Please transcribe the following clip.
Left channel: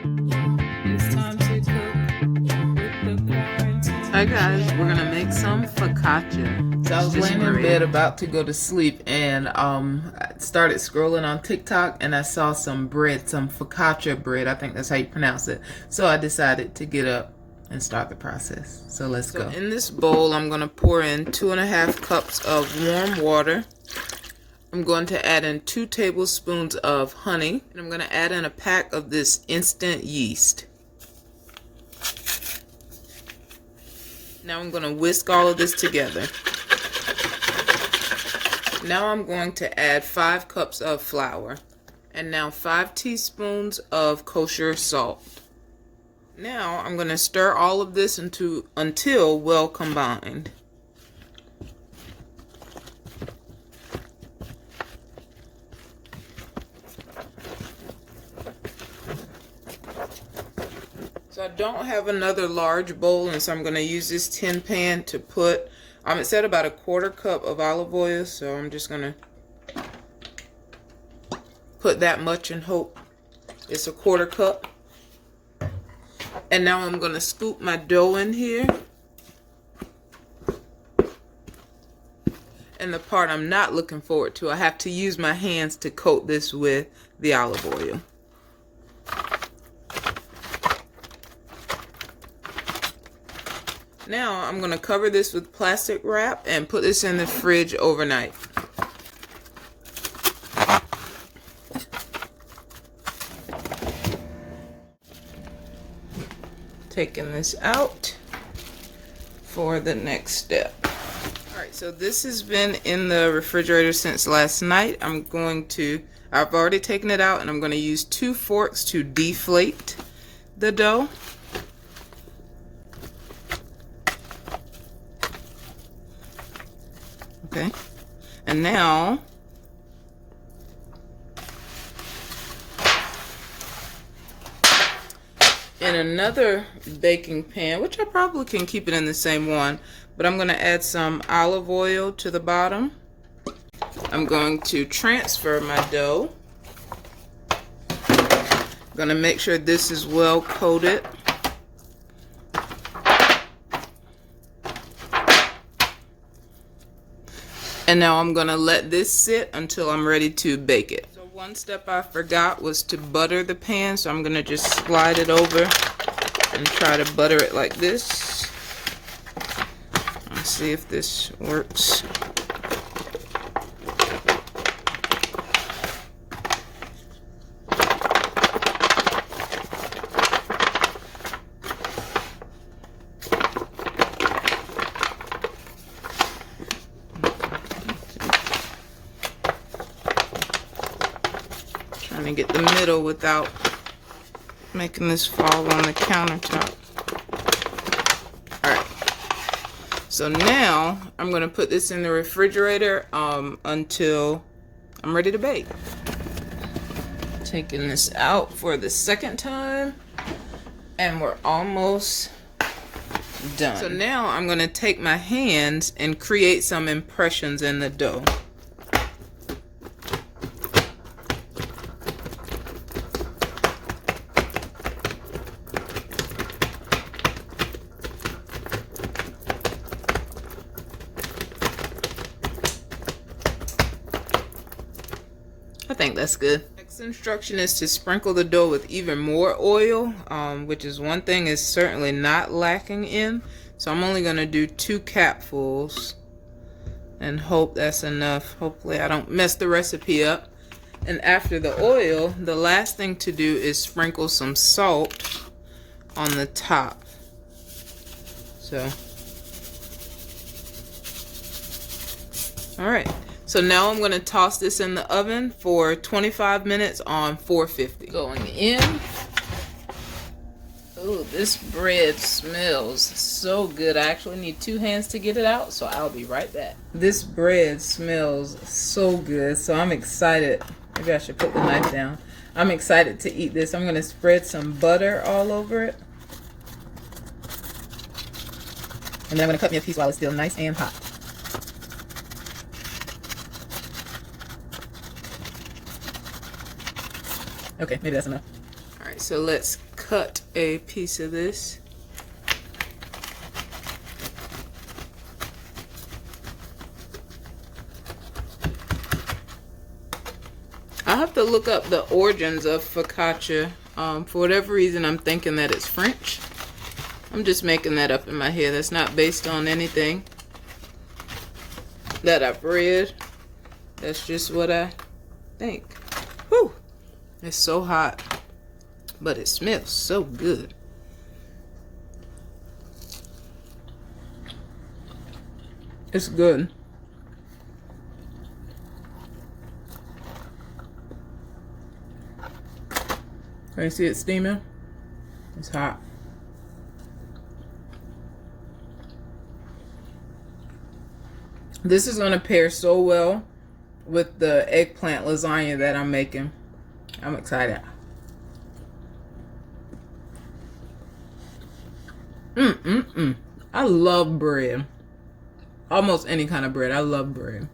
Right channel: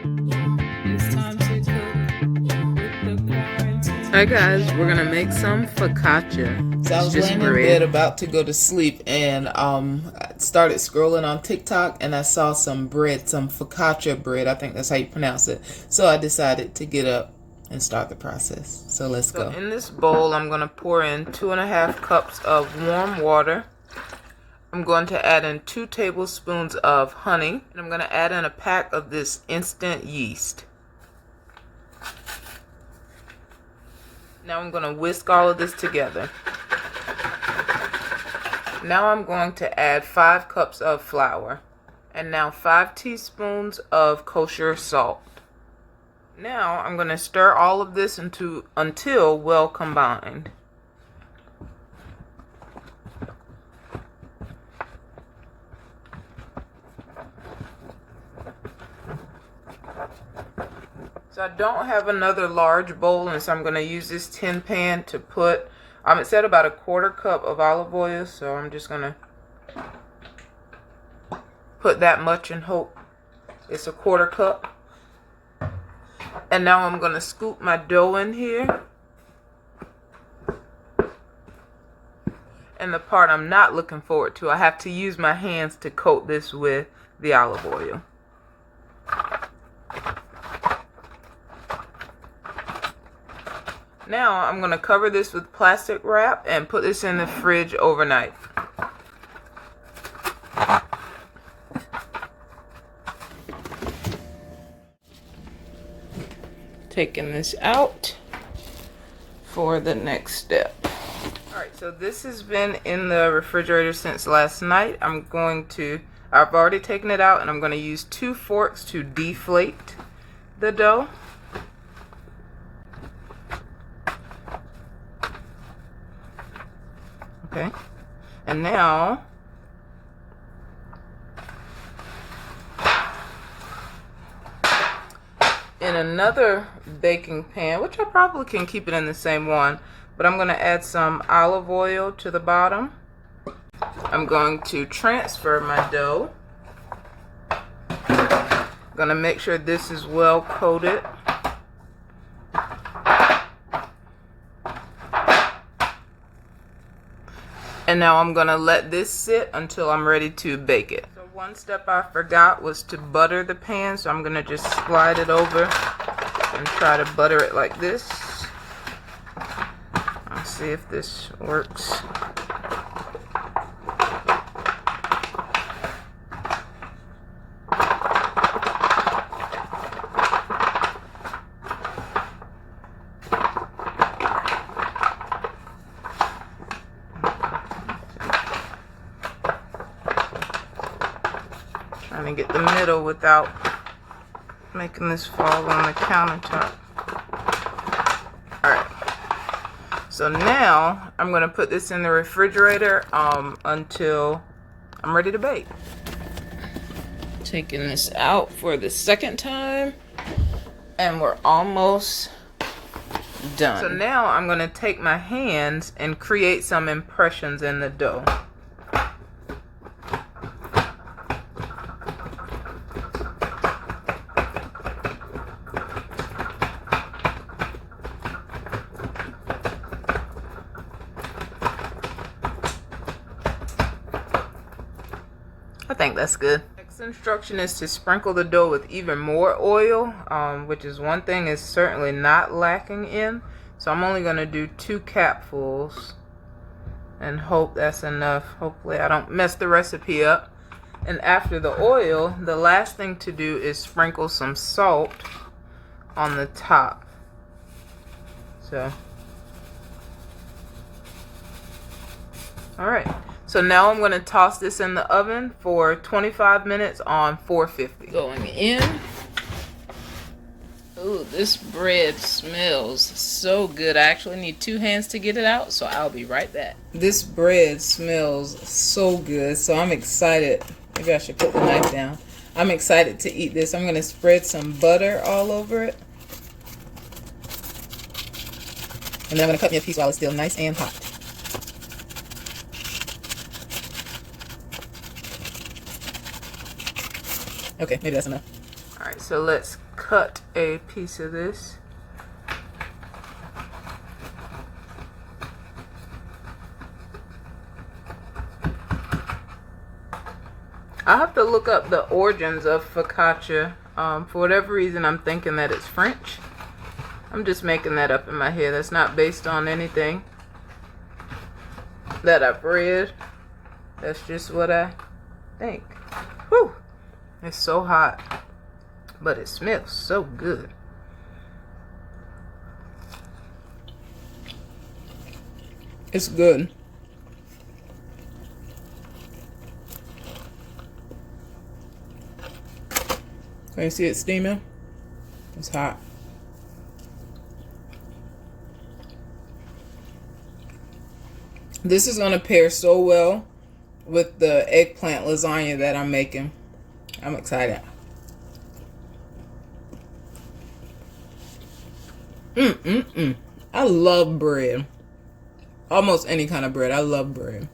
It's time to cook with the quarantine. Hi guys, we're gonna make some focaccia. So I was laying in bed about to go to sleep and I started scrolling on TikTok and I saw some bread, some focaccia bread. I think that's how you pronounce it. So I decided to get up and start the process. So let's go. In this bowl, I'm gonna pour in 2.5 cups of warm water. I'm going to add in 2 tablespoons of honey, and I'm going to add in a pack of this instant yeast. Now I'm going to whisk all of this together. Now I'm going to add 5 cups of flour, and now 5 teaspoons of kosher salt. Now I'm going to stir all of this until well combined. So I don't have another large bowl, and so I'm going to use this tin pan to put, it said about 1/4 cup of olive oil, so I'm just going to put that much and hope it's 1/4 cup. And now I'm going to scoop my dough in here. And the part I'm not looking forward to, I have to use my hands to coat this with the olive oil. Now I'm going to cover this with plastic wrap and put this in the fridge overnight. Taking this out for the next step. Alright, so this has been in the refrigerator since last night. I've already taken it out, and I'm going to use 2 forks to deflate the dough. Okay, and now in another baking pan, which I probably can keep it in the same one, but I'm going to add some olive oil to the bottom. I'm going to transfer my dough. I'm going to make sure this is well coated. And now I'm going to let this sit until I'm ready to bake it. So one step I forgot was to butter the pan, so I'm going to just slide it over and try to butter it like this. Let's see if this works. Trying to get the middle without making this fall on the countertop. Alright, so now I'm going to put this in the refrigerator until I'm ready to bake. Taking this out for the second time, and we're almost done. So now I'm going to take my hands and create some impressions in the dough. I think that's good. Next instruction is to sprinkle the dough with even more oil, which is one thing is certainly not lacking in. So I'm only going to do 2 capfuls and hope that's enough. Hopefully I don't mess the recipe up. And after the oil, the last thing to do is sprinkle some salt on the top. So, alright. So now I'm going to toss this in the oven for 25 minutes on 450. Going in. Ooh, this bread smells so good. I actually need 2 hands to get it out, so I'll be right back. This bread smells so good, so I'm excited. Maybe I should put the knife down. I'm excited to eat this. I'm going to spread some butter all over it. And then I'm going to cut me a piece while it's still nice and hot. Okay, maybe that's enough. Alright, so let's cut a piece of this. I have to look up the origins of focaccia. For whatever reason, I'm thinking that it's French. I'm just making that up in my head. That's not based on anything that I've read. That's just what I think. Whew! It's so hot, but it smells so good. It's good. Can you see it steaming? It's hot. This is going to pair so well with the eggplant lasagna that I'm making. I'm excited. I love bread. Almost any kind of bread. I love bread.